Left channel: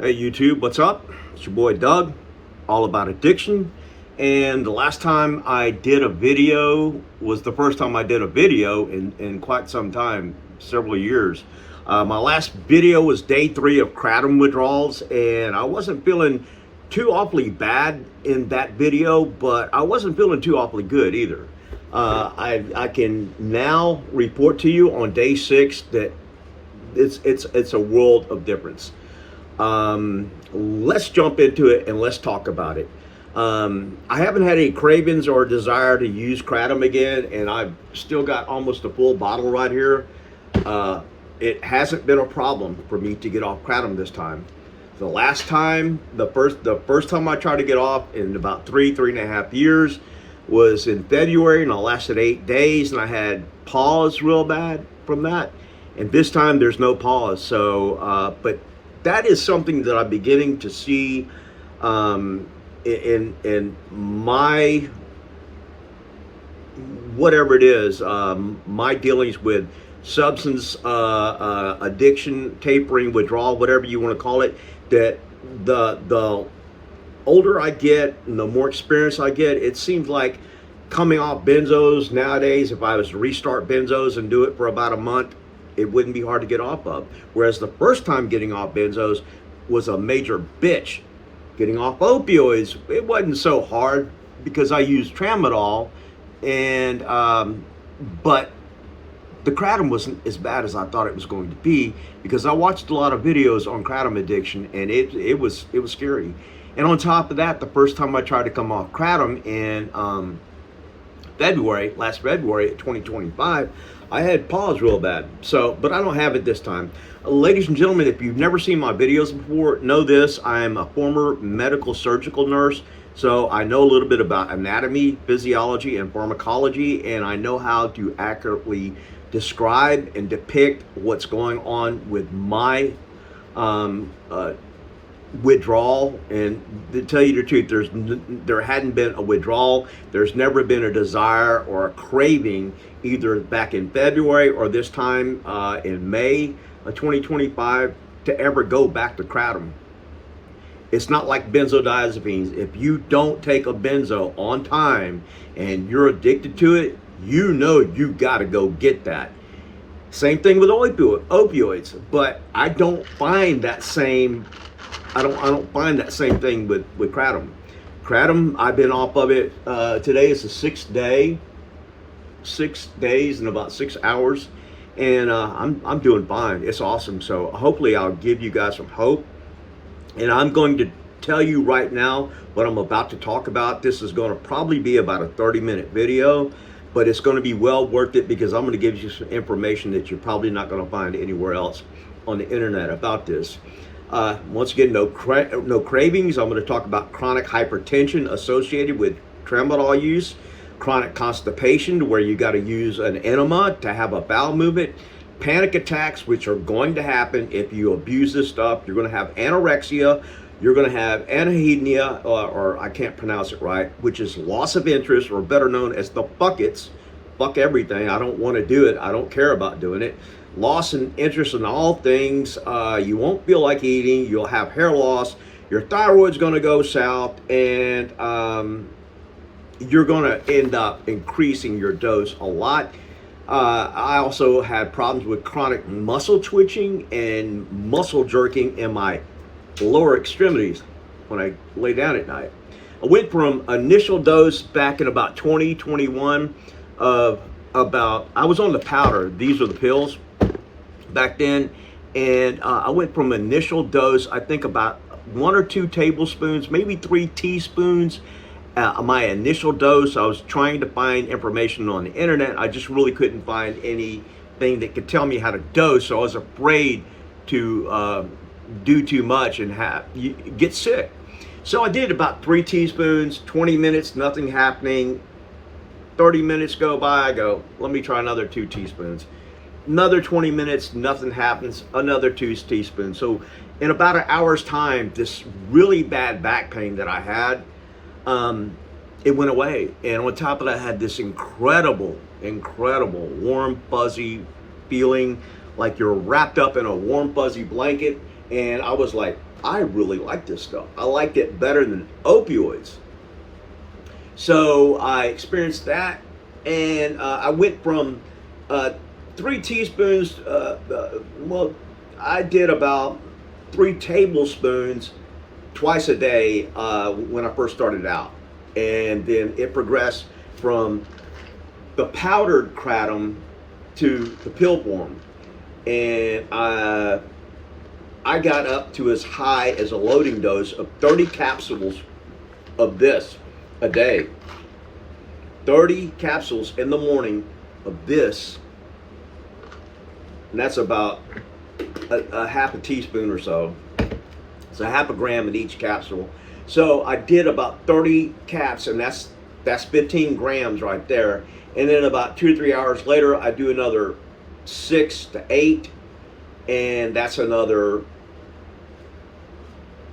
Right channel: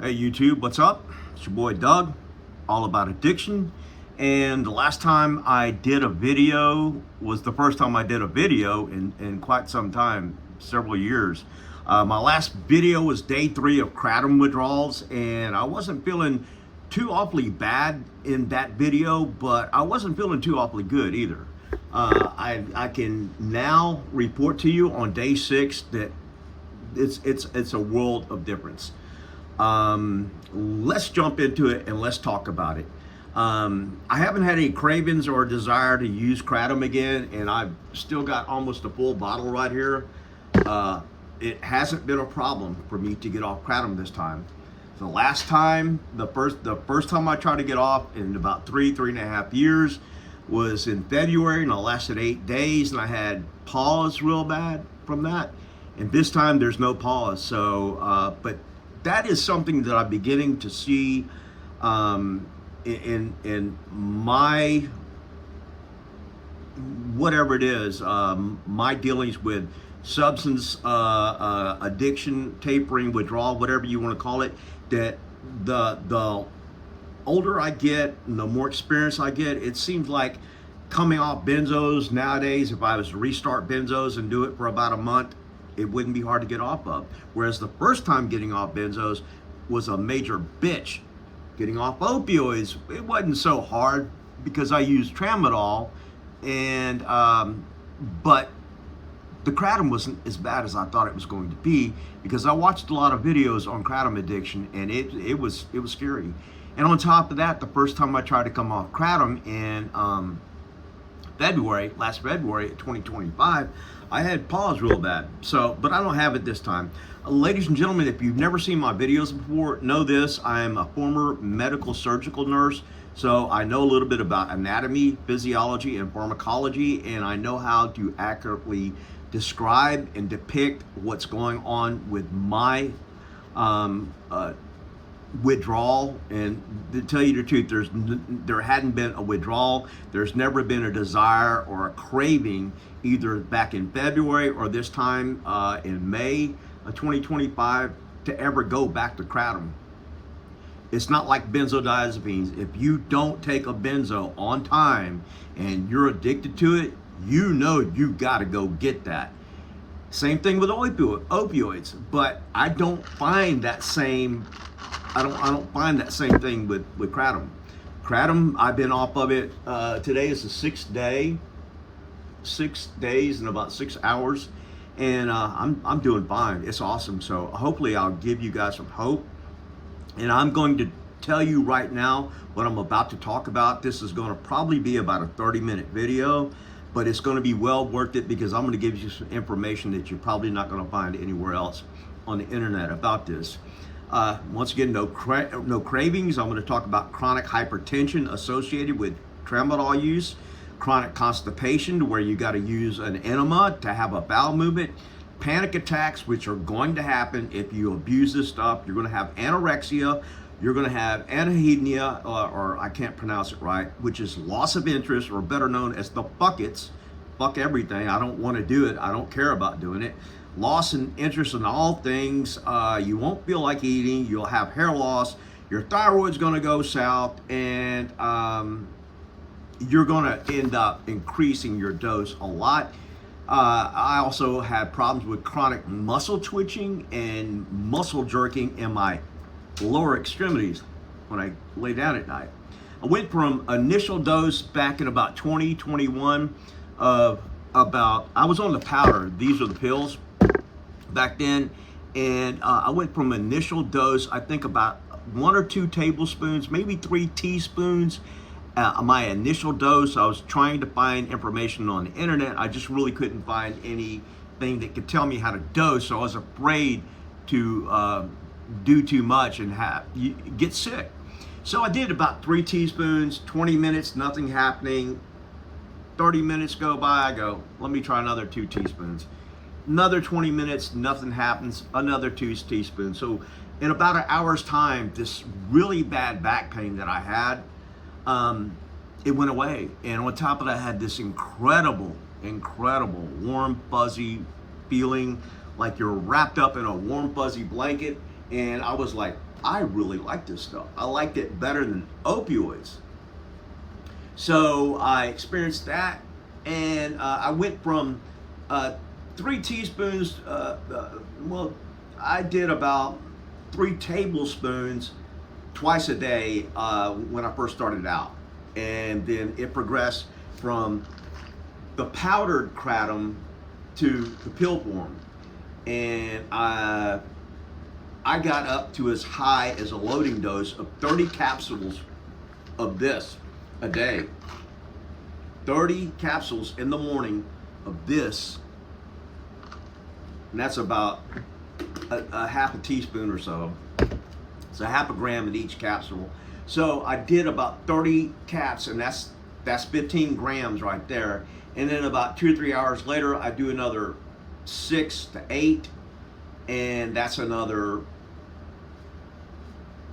Hey YouTube, what's up? It's your boy Doug, all about addiction. And the last time I did a video was the first time I did a video in quite some time, several years. My last video was day 3 of Kratom withdrawals, and I wasn't feeling too awfully bad in that video, but I wasn't feeling too awfully good either. I can now report to you on day 6 that it's a world of difference. Let's jump into it and let's talk about it. I haven't had any cravings or desire to use Kratom again, and I've still got almost a full bottle right here. It hasn't been a problem for me to get off Kratom this time. The last time, the first time I tried to get off in about three and a half years was in February, and I lasted 8 days, and I had PAWs real bad from that. And this time there's no PAWs. So, but that is something that I'm beginning to see in my, whatever it is, my dealings with substance addiction, tapering, withdrawal, whatever you want to call it, that the older I get and the more experience I get, it seems like coming off benzos nowadays, if I was to restart benzos and do it for about a month, it wouldn't be hard to get off of. Whereas the first time getting off benzos was a major bitch. Getting off opioids, it wasn't so hard because I used tramadol, and but the Kratom wasn't as bad as I thought it was going to be, because I watched a lot of videos on Kratom addiction, and it was scary. And on top of that, the first time I tried to come off Kratom in last February 2025, I had PAWs real bad. So, but I don't have it this time. Ladies and gentlemen, if you've never seen my videos before, know this: I am a former medical surgical nurse, so I know a little bit about anatomy, physiology, and pharmacology, and I know how to accurately describe and depict what's going on with my withdrawal. And to tell you the truth, there hadn't been a withdrawal. There's never been a desire or a craving, either back in February or this time in May of 2025, to ever go back to Kratom. It's not like benzodiazepines. If you don't take a benzo on time and you're addicted to it, you know you got to go get that. Same thing with opioids, but I don't find that same. I don't find that same thing with Kratom. Kratom, I've been off of it. Today is the 6th day. 6 days and about 6 hours, and I'm doing fine. It's awesome. So hopefully I'll give you guys some hope. And I'm going to tell you right now what I'm about to talk about. This is going to probably be about a 30-minute video, but it's going to be well worth it, because I'm going to give you some information that you're probably not going to find anywhere else on the internet about this. Once again, no cravings. I'm going to talk about chronic hypertension associated with tramadol use, chronic constipation, where you got to use an enema to have a bowel movement, panic attacks, which are going to happen if you abuse this stuff. You're going to have anorexia. You're going to have anhedonia, or I can't pronounce it right, which is loss of interest, or better known as the buckets. Fuck everything. I don't want to do it. I don't care about doing it. Loss in interest in all things. You won't feel like eating. You'll have hair loss. Your thyroid's going to go south, and you're going to end up increasing your dose a lot. I also had problems with chronic muscle twitching and muscle jerking in my lower extremities when I lay down at night. I went from initial dose back in about 2021 of I was on the powder. These are the pills back then. And I went from initial dose, I think about 1 or 2 tablespoons, maybe 3 teaspoons. My initial dose, I was trying to find information on the internet. I just really couldn't find anything that could tell me how to dose. So I was afraid to do too much and get sick. So I did about 3 teaspoons, 20 minutes, nothing happening. 30 minutes go by, I go, let me try another 2 teaspoons. Another 20 minutes, nothing happens, another 2 teaspoons. So in about an hour's time, this really bad back pain that I had, it went away. And on top of that, I had this incredible warm, fuzzy feeling, like you're wrapped up in a warm, fuzzy blanket. And I was like, I really like this stuff. I liked it better than opioids. So I experienced that, and I went from 3 teaspoons. Well, I did about 3 tablespoons twice a day when I first started out, and then it progressed from the powdered kratom to the pill form, and I got up to as high as a loading dose of 30 capsules of this a day. 30 capsules in the morning of this, and that's about a half a teaspoon or so. It's a half a gram in each capsule. So I did about 30 caps, and that's 15 grams right there. And then about 2 or 3 hours later, I do another 6 to 8, and that's another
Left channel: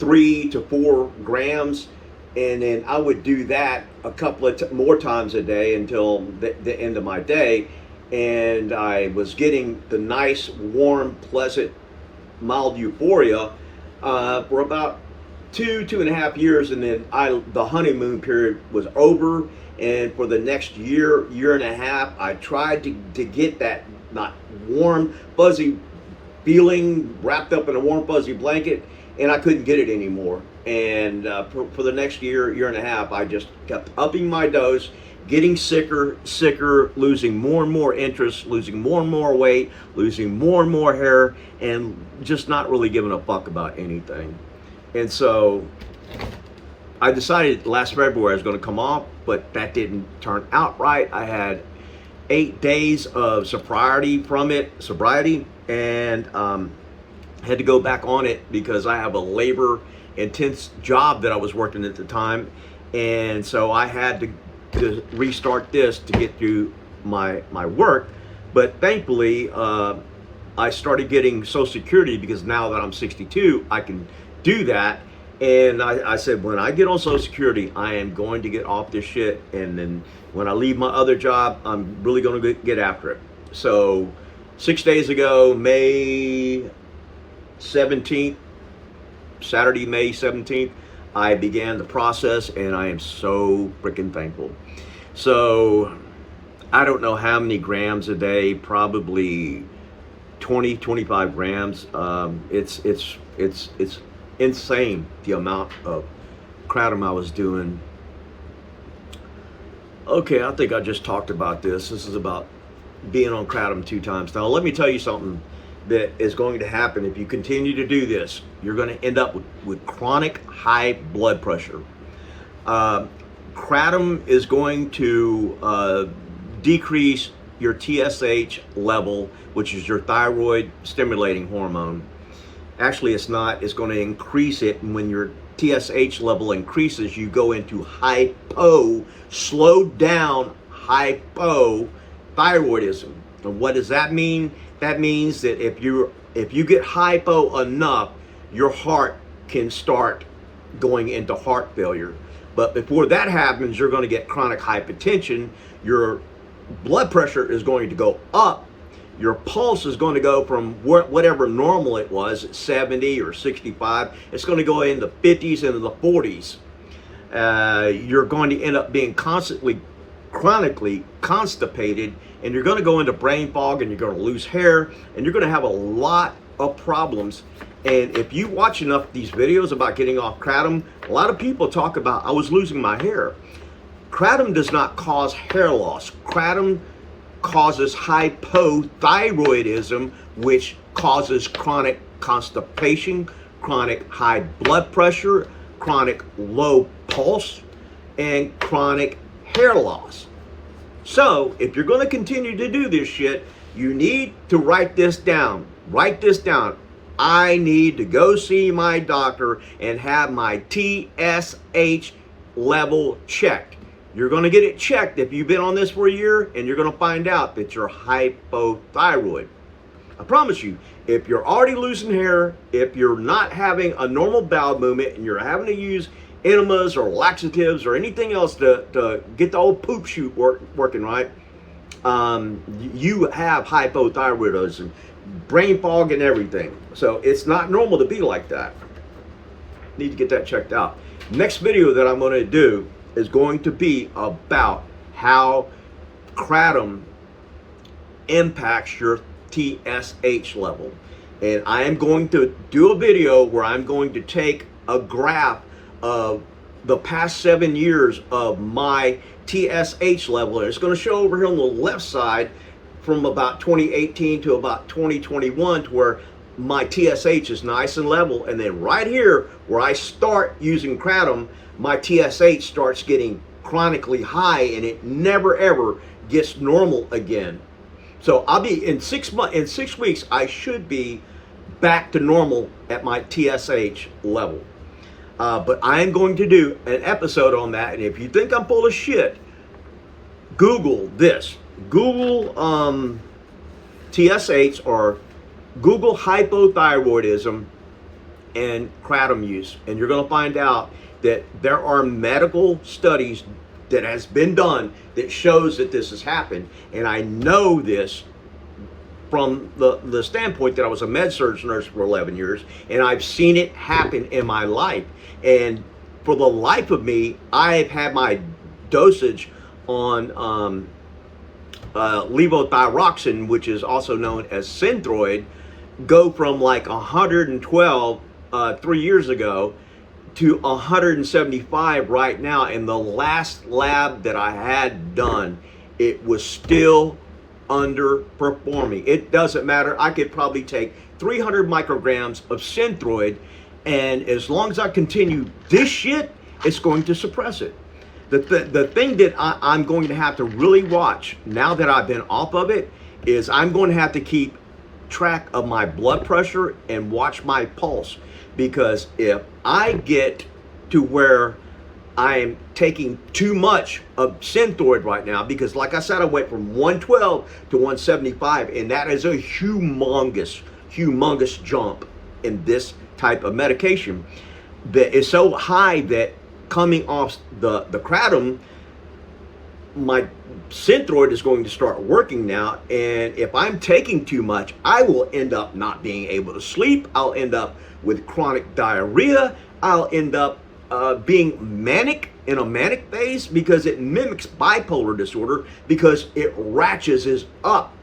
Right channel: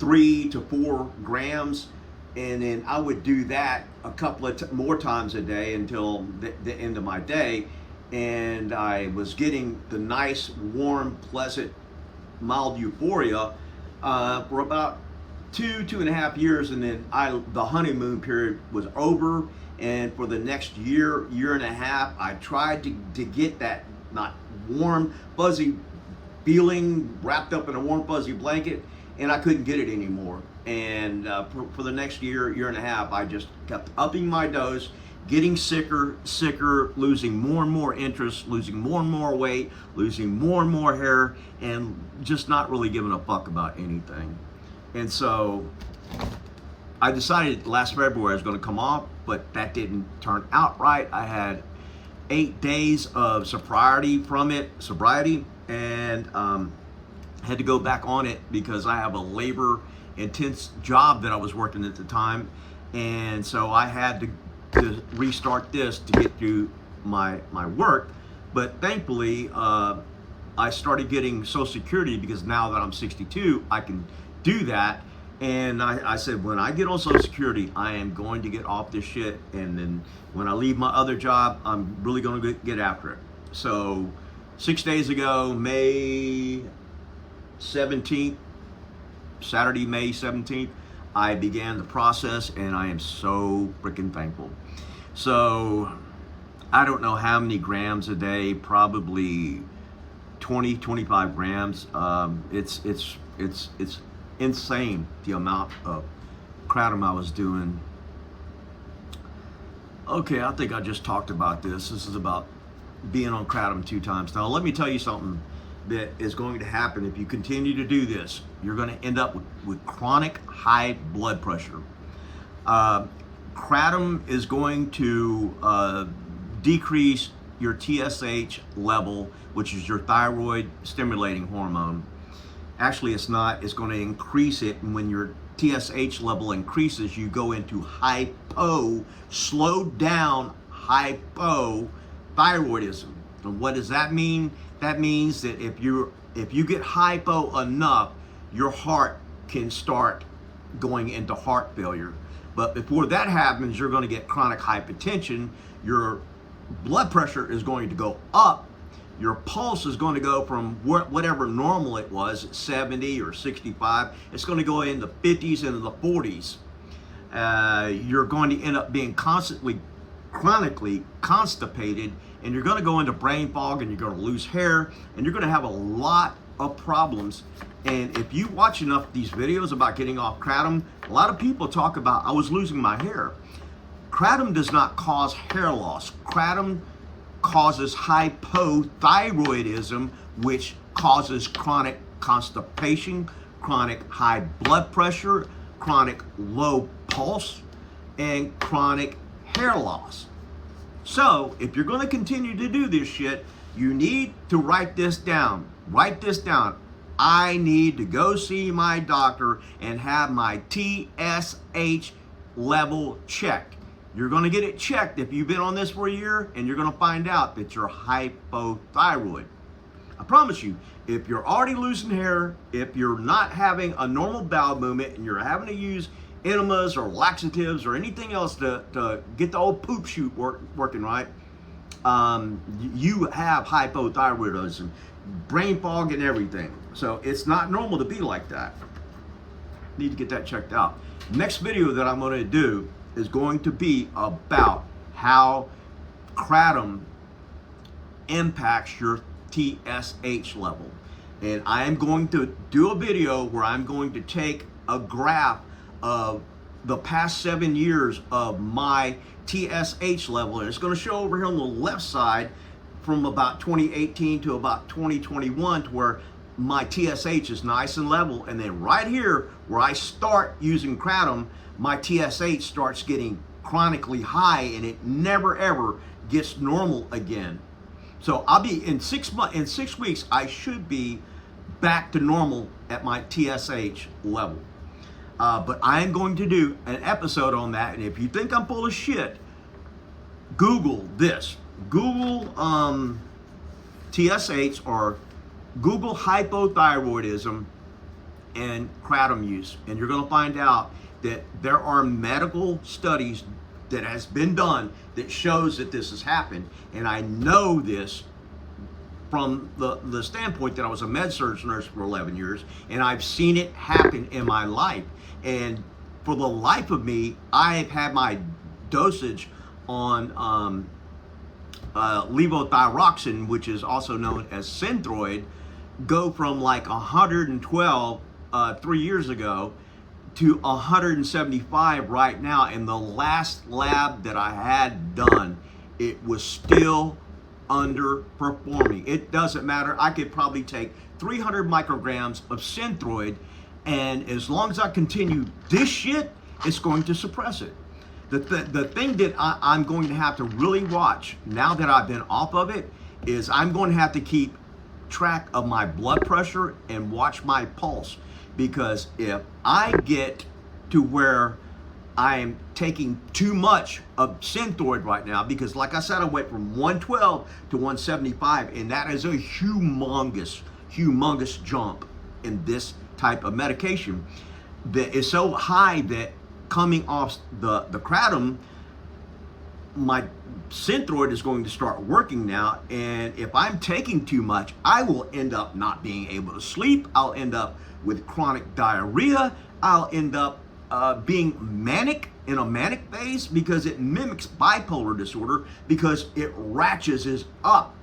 3 to 4 grams. And then I would do that a couple of more times a day until the end of my day. And I was getting the nice, warm, pleasant, mild euphoria for about 2.5 years. And then the honeymoon period was over. And for the next year and a half, I tried to get that not warm, fuzzy feeling wrapped up in a warm, fuzzy blanket, and I couldn't get it anymore. And for the next year and a half, I just kept upping my dose, getting sicker, losing more and more interest, losing more and more weight, losing more and more hair, and just not really giving a fuck about anything. And so I decided last February I was going to come off, but that didn't turn out right. I had 8 days of sobriety from it, and had to go back on it because I have a labor intense job that I was working at the time, and so I had to restart this to get through my work. But thankfully I started getting Social Security, because now that I'm 62 I can do that. And I said, when I get on Social Security, I am going to get off this shit, and then when I leave my other job, I'm really going to get after it. So 6 days ago, May 17th, Saturday, May 17th, I began the process, and I am so freaking thankful. So I don't know how many grams a day, probably 20-25 grams. It's insane the amount of kratom I was doing. Okay, I think I just talked about this. This is about being on kratom 2 times. Now let me tell you something that is going to happen if you continue to do this. You're going to end up with chronic high blood pressure. Kratom is going to decrease your TSH level, which is your thyroid stimulating hormone. Actually, it's not. It's going to increase it. And when your TSH level increases, you go into hypo, slowed down hypothyroidism. And what does that mean? That means that if you get hypo enough, your heart can start going into heart failure. But before that happens, you're going to get chronic hypertension. Your blood pressure is going to go up. Your pulse is going to go from whatever normal it was, 70 or 65. It's going to go in the 50s and the 40s. You're going to end up being chronically constipated, and you're going to go into brain fog, and you're going to lose hair, and you're going to have a lot of problems. And if you watch enough of these videos about getting off kratom, a lot of people talk about, I was losing my hair. Kratom does not cause hair loss. Kratom causes hypothyroidism, which causes chronic constipation, chronic high blood pressure, chronic low pulse, and chronic hair loss. So if you're going to continue to do this shit, you need to write this down. Write this down. I need to go see my doctor and have my TSH level checked. You're going to get it checked if you've been on this for a year, and you're going to find out that you're hypothyroid. I promise you, if you're already losing hair, if you're not having a normal bowel movement, and you're having to use enemas or laxatives or anything else to get the old poop chute working right, you have hypothyroidism. brain fog and everything. So it's not normal to be like that. Need to get that checked out. Next video that I'm going to do is going to be about how Kratom impacts your TSH level. And I am going to do a video where I'm going to take a graph of the past 7 years of my TSH level. And it's going to show over here on the left side from about 2018 to about 2021 to where my TSH is nice and level. And then right here where I start using Kratom, my TSH starts getting chronically high and it never ever gets normal again. So I'll be in 6 months, in 6 weeks, I should be back to normal at my TSH level. But I am going to do an episode on that. And if you think I'm full of shit, Google this. Google TSH or Google hypothyroidism and Kratom use. And you're going to find out that there are medical studies that has been done that shows that this has happened. And I know this from the standpoint that I was a med-surg nurse for 11 years, and I've seen it happen in my life. And for the life of me, I've had my dosage on levothyroxine, which is also known as Synthroid, go from like 112 3 years ago to 175 right now. And the last lab that I had done, it was still underperforming. It doesn't matter. I could probably take 300 micrograms of Synthroid, and as long as I continue this shit, it's going to suppress it. The thing that I'm going to have to really watch now that I've been off of it is I'm going to have to keep track of my blood pressure and watch my pulse, because if I get to where I'm taking too much of Synthroid right now, because like I said, I went from 112 to 175, and that is a humongous jump in this type of medication that is so high that coming off the Kratom, my Synthroid is going to start working now. And if I'm taking too much, I will end up not being able to sleep. I'll end up with chronic diarrhea. I'll end up being manic, in a manic phase, because it mimics bipolar disorder, because it ratchets up.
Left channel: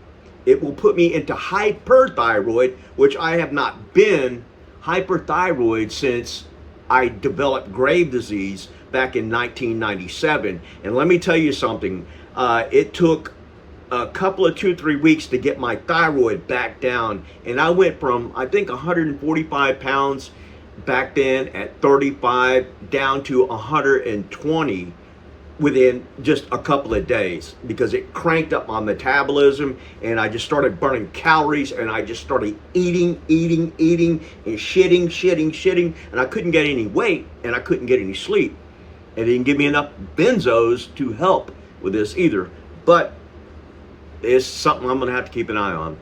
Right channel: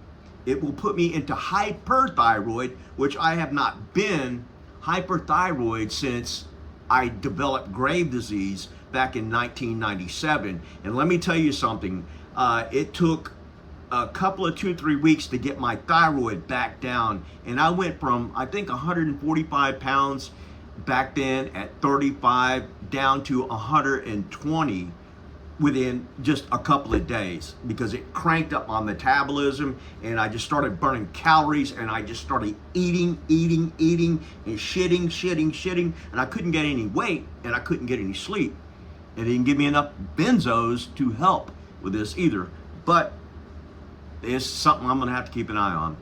It will put me into hyperthyroid, which I have not been hyperthyroid since I developed Graves' disease back in 1997. And let me tell you something, it took a couple of 2-3 weeks to get my thyroid back down. And I went from, I think, 145 pounds back then at 35 down to 120 within just a couple of days, because it cranked up my metabolism, and I just started burning calories, and I just started eating and shitting, and I couldn't get any weight, and I couldn't get any sleep. And they didn't give me enough benzos to help with this either. But it's something I'm gonna have to keep an eye on.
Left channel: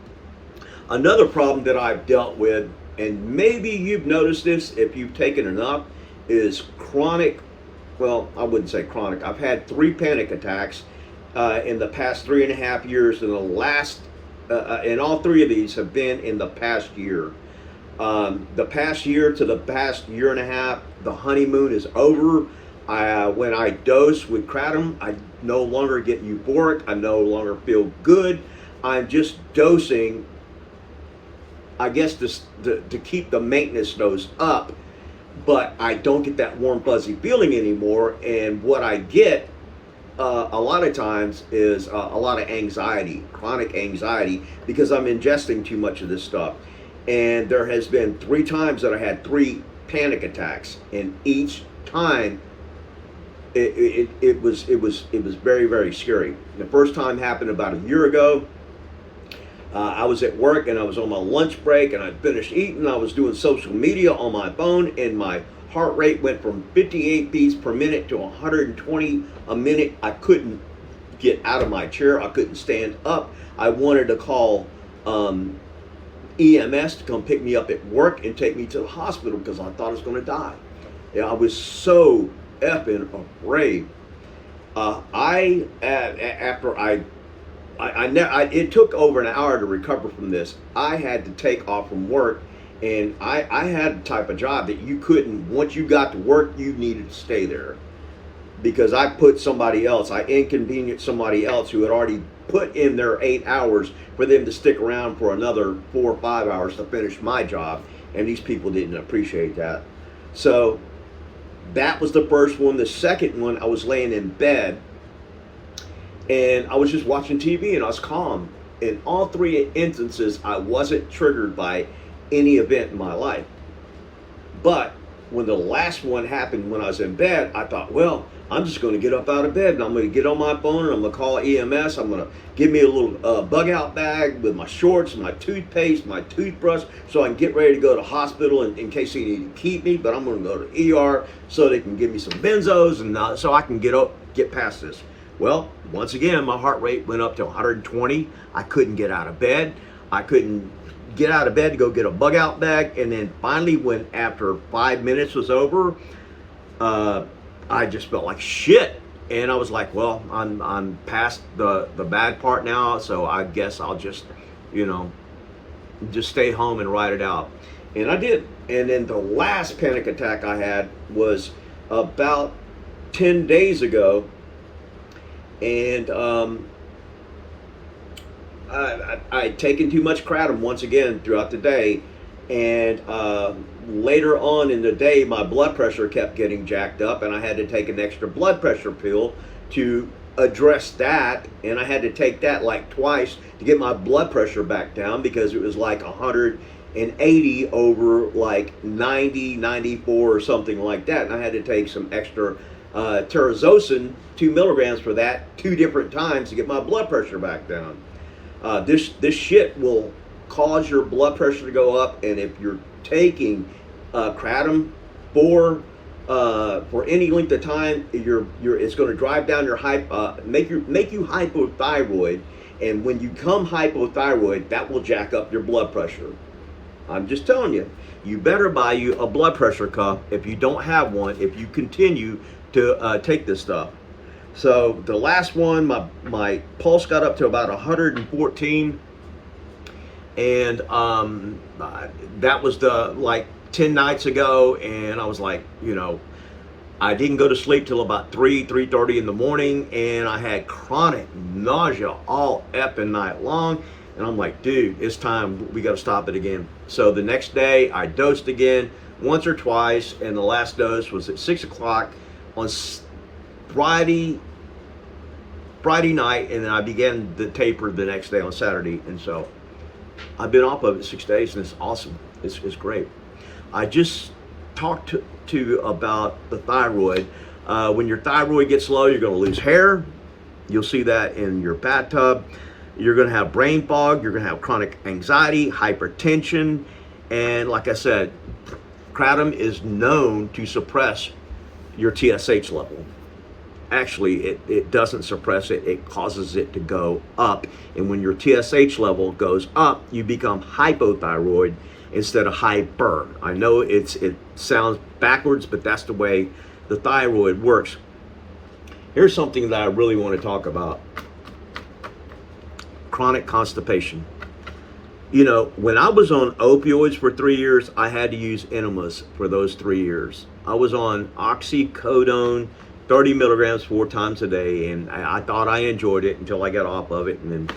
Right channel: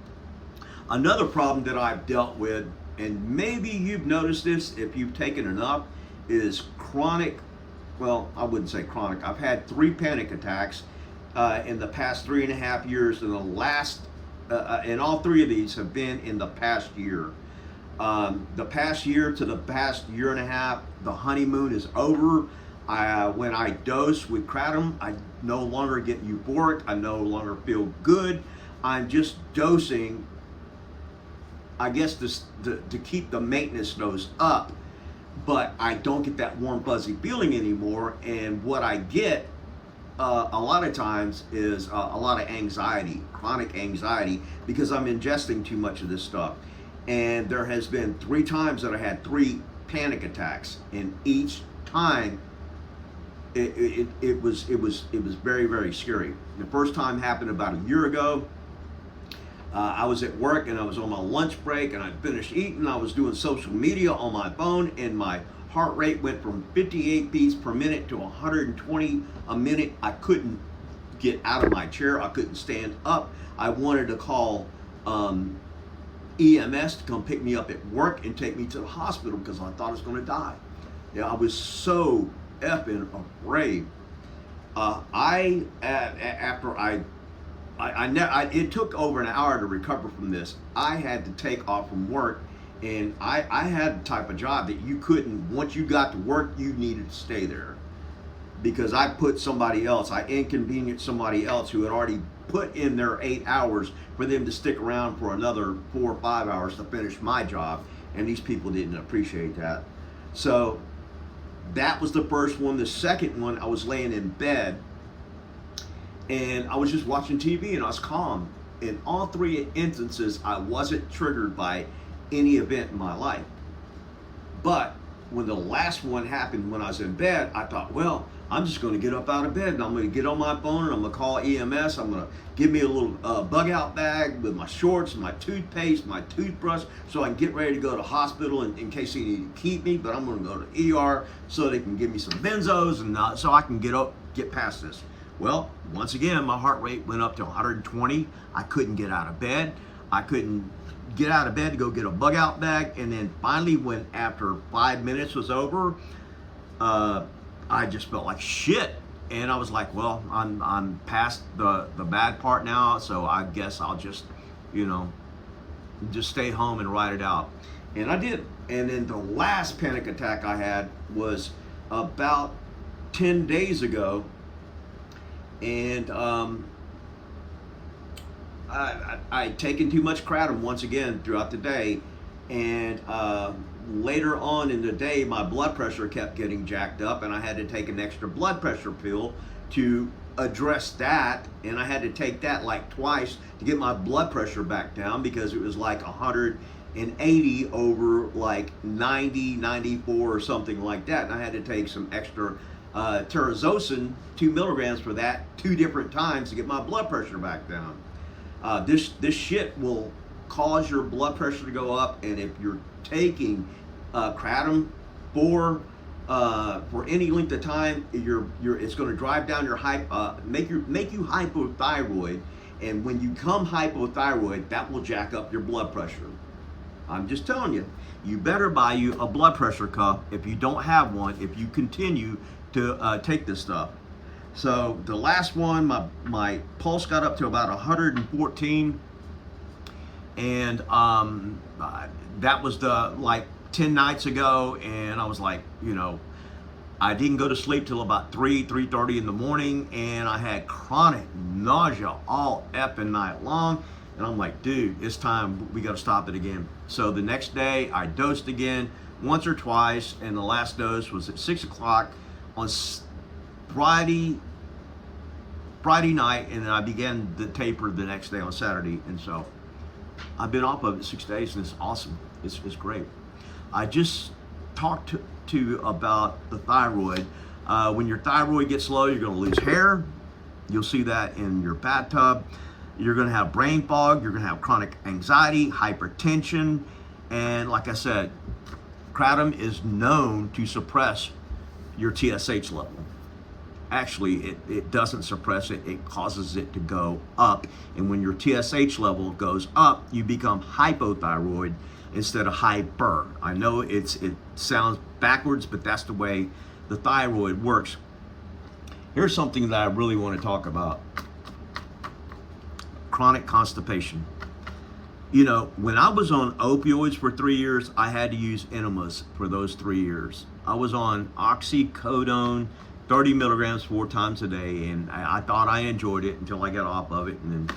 Another problem that I've dealt with, and maybe you've noticed this if you've taken enough, is chronic, well, I wouldn't say chronic. I've had 3 panic attacks in the past 3.5 years, and the last, and all 3 of these have been in the past year. The past year to the past year and a half, the honeymoon is over. When I dose with Kratom, I no longer get euphoric. I no longer feel good. I'm just dosing, I guess, to keep the maintenance dose up, but I don't get that warm fuzzy feeling anymore. And what I get a lot of times is a lot of anxiety, chronic anxiety, because I'm ingesting too much of this stuff. And there has been 3 times that I had 3 panic attacks, and each time it was very, very scary. The first time happened about a year ago. I was at work and I was on my lunch break, and I finished eating. I was doing social media on my phone, and my heart rate went from 58 beats per minute to 120 a minute. I couldn't get out of my chair. I couldn't stand up. I wanted to call EMS to come pick me up at work and take me to the hospital, because I thought I was going to die. Yeah, I was so effing afraid. After I it took over an hour to recover from this. I had to take off from work, and I had a type of job that you couldn't, once you got to work, you needed to stay there. Because I inconvenienced somebody else who had already put in their 8 hours for them to stick around for another 4 or 5 hours to finish my job. And these people didn't appreciate that. So that was the first one. The second one, I was laying in bed and I was just watching TV and I was calm. In all three instances, I wasn't triggered by any event in my life. But when the last one happened when I was in bed, I thought, well, I'm just going to get up out of bed and I'm going to get on my phone and I'm going to call EMS. I'm going to give me a little bug out bag with my shorts, my toothpaste, my toothbrush, so I can get ready to go to hospital in case they need to keep me. But I'm going to go to ER so they can give me some benzos and so I can get past this. Well, once again, my heart rate went up to 120. I couldn't get out of bed. I couldn't get out of bed to go get a bug out bag. And then finally, when after 5 minutes was over, I just felt like shit. And I was like, well, I'm past the bad part now, so I guess I'll just stay home and ride it out. And I did. And then the last panic attack I had was about 10 days ago. And I'd taken too much Kratom once again throughout the day. And later on in the day, my blood pressure kept getting jacked up, and I had to take an extra blood pressure pill to address that. And I had to take that like twice to get my blood pressure back down because it was like 180 over like 90, 94 or something like that. And I had to take some extra terazocin, 2 milligrams for that 2 different times to get my blood pressure back down. This shit will cause your blood pressure to go up, and if you're taking Kratom for any length of time, it's going to drive down your make you hypothyroid, and when you become hypothyroid, that will jack up your blood pressure. I'm just telling you, you better buy you a blood pressure cuff if you don't have one, if you continue to take this stuff. So the last one, my pulse got up to about 114. And that was like 10 nights ago, and I was like, I didn't go to sleep till about 3:30 in the morning, and I had chronic nausea all effing night long. And I'm like, dude, it's time, we got to stop it again. So the next day I dosed again once or twice, and the last dose was at 6 o'clock on Friday night, and then I began the taper the next day on Saturday. And so I've been off of it 6 days, and it's awesome. It's great. I just talked to you about the thyroid. When your thyroid gets low, you're going to lose hair. You'll see that in your bathtub. You're going to have brain fog. You're going to have chronic anxiety, hypertension. And like I said, Kratom is known to suppress your TSH level. Actually, it doesn't suppress it, it causes it to go up. And when your TSH level goes up, you become hypothyroid instead of hyper. I know it sounds backwards, but that's the way the thyroid works. Here's something that I really want to talk about. Chronic constipation. When I was on opioids for 3 years, I had to use enemas for those 3 years. I was on oxycodone, 30 milligrams 4 times a day, and I thought I enjoyed it until I got off of it. And then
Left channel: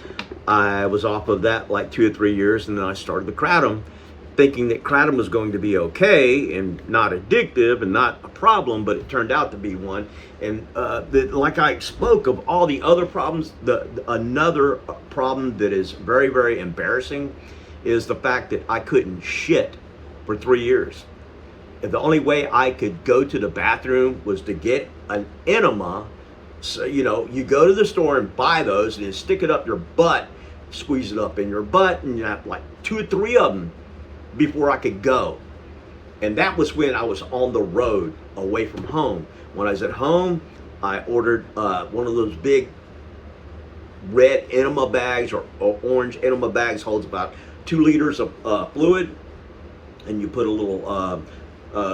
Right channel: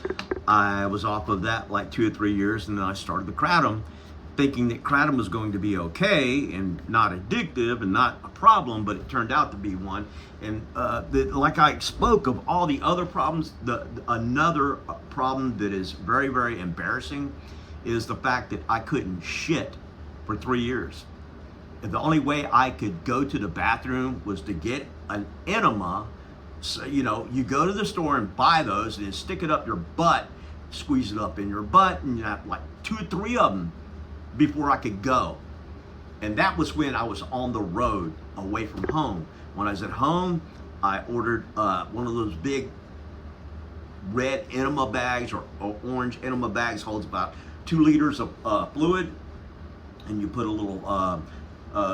I was off of that like 2 or 3 years, and then I started the Kratom, thinking that Kratom was going to be okay and not addictive and not a problem, but it turned out to be one. And like I spoke of all the other problems, another problem that is very, very embarrassing is the fact that I couldn't shit for 3 years. The only way I could go to the bathroom was to get an enema. So, you go to the store and buy those and then stick it up your butt, squeeze it up in your butt, and you have like 2 or 3 of them before I could go. And that was when I was on the road away from home. When I was at home, I ordered one of those big red enema bags or orange enema bags, holds about 2 liters of fluid, and you put a little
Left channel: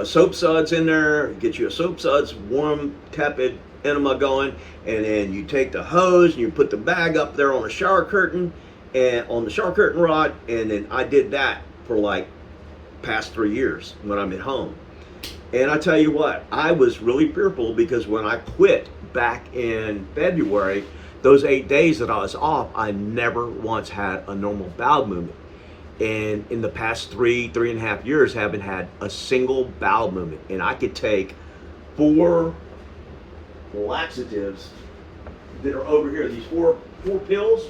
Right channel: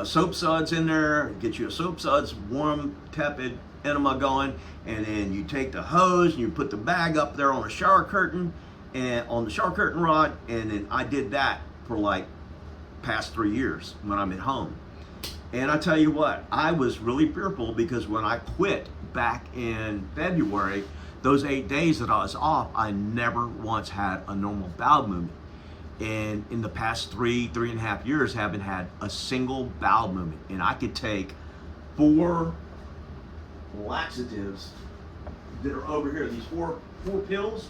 soap suds in there. Get you a soap suds, warm, tepid enema going, and then you take the hose and you put the bag up there on the shower curtain and on the shower curtain rod, and then I did that for like past 3 years when I'm at home. And I tell you what, I was really fearful because when I quit back in February, those 8 days that I was off, I never once had a normal bowel movement. And in the past three and a half years, haven't had a single bowel movement. And I could take 4 laxatives that are over here, these four pills.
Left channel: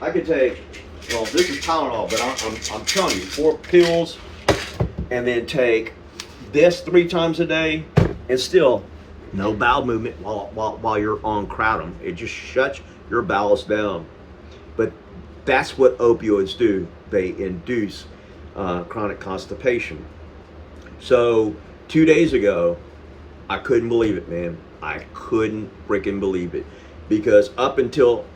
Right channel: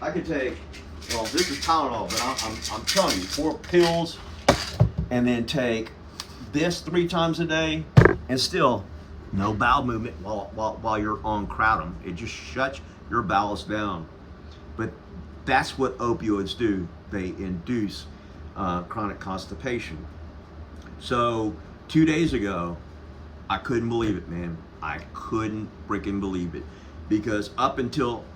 I could take, well, this is Tylenol, but I'm telling you, 4 pills, and then take this 3 times a day, and still no bowel movement while you're on Kratom. It just shuts your bowels down. But that's what opioids do. They induce chronic constipation. So 2 days ago, I couldn't believe it, man. I couldn't freaking believe it. Because up until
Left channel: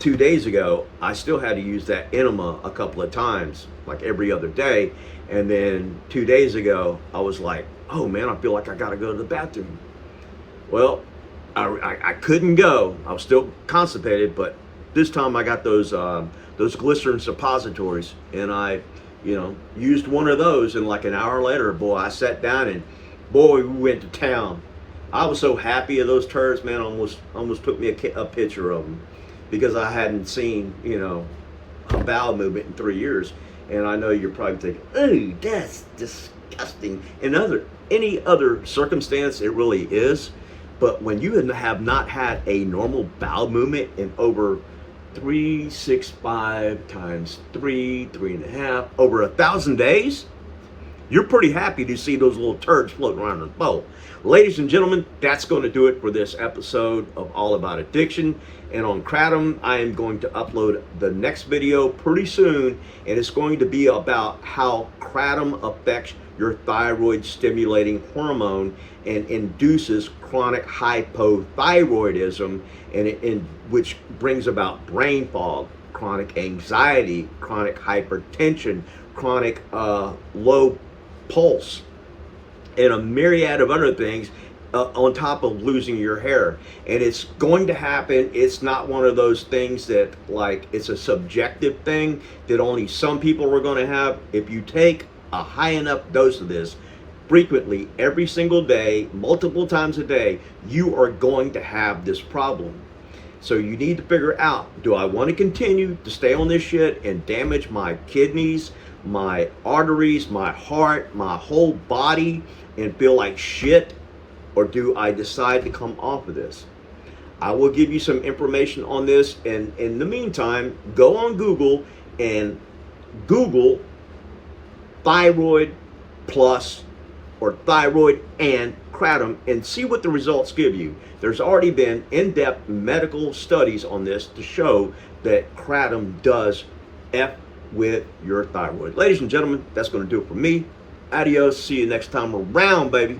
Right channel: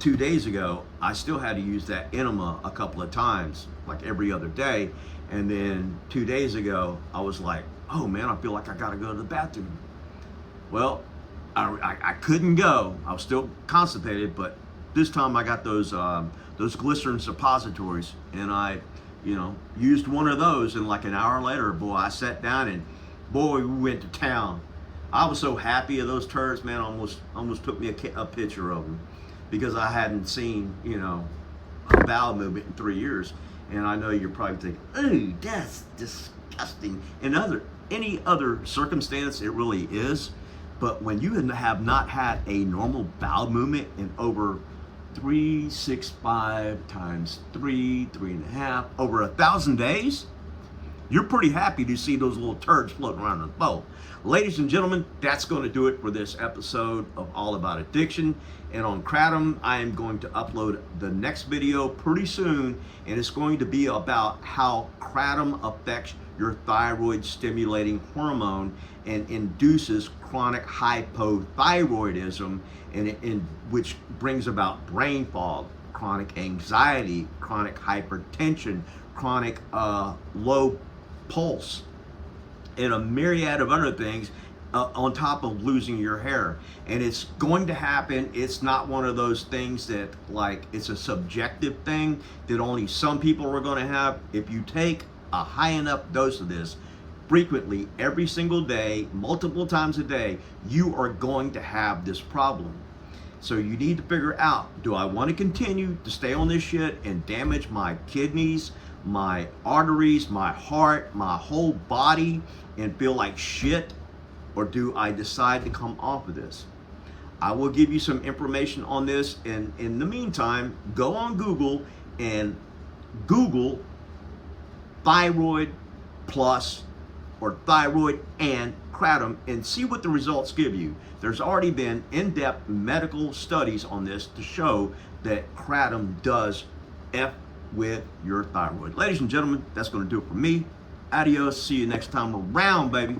2 days ago, I still had to use that enema a couple of times, like every other day. And then 2 days ago, I was like, oh man, I feel like I gotta go to the bathroom. Well, I couldn't go. I was still constipated, but this time I got those glycerin suppositories, and I, used one of those, and like an hour later, boy, I sat down and boy, we went to town. I was so happy of those turds, man. Almost took me a picture of them because I hadn't seen, a bowel movement in 3 years. And I know you're probably thinking, oh, that's disgusting. In any other circumstance, it really is. But when you have not had a normal bowel movement in over 365 times 3.5, over 1,000 days, you're pretty happy to see those little turds floating around in the bowl. Ladies and gentlemen, that's going to do it for this episode of All About Addiction. And on Kratom, I am going to upload the next video pretty soon, and it's going to be about how Kratom affects your thyroid stimulating hormone and induces chronic hypothyroidism, which brings about brain fog, chronic anxiety, chronic hypertension, chronic low pulse, and a myriad of other things on top of losing your hair. And it's going to happen. It's not one of those things that it's a subjective thing that only some people are going to have. If you take a high enough dose of this frequently every single day, multiple times a day, you are going to have this problem. So you need to figure out, do I want to continue to stay on this shit and damage my kidneys, my arteries, my heart, my whole body, and feel like shit? Or do I decide to come off of this? I will give you some information on this, and in the meantime, go on Google and Google thyroid plus or thyroid and Kratom and see what the results give you. There's already been in-depth medical studies on this to show that Kratom does F with your thyroid. Ladies and gentlemen, that's going to do it for me. Adios. See you next time around, baby.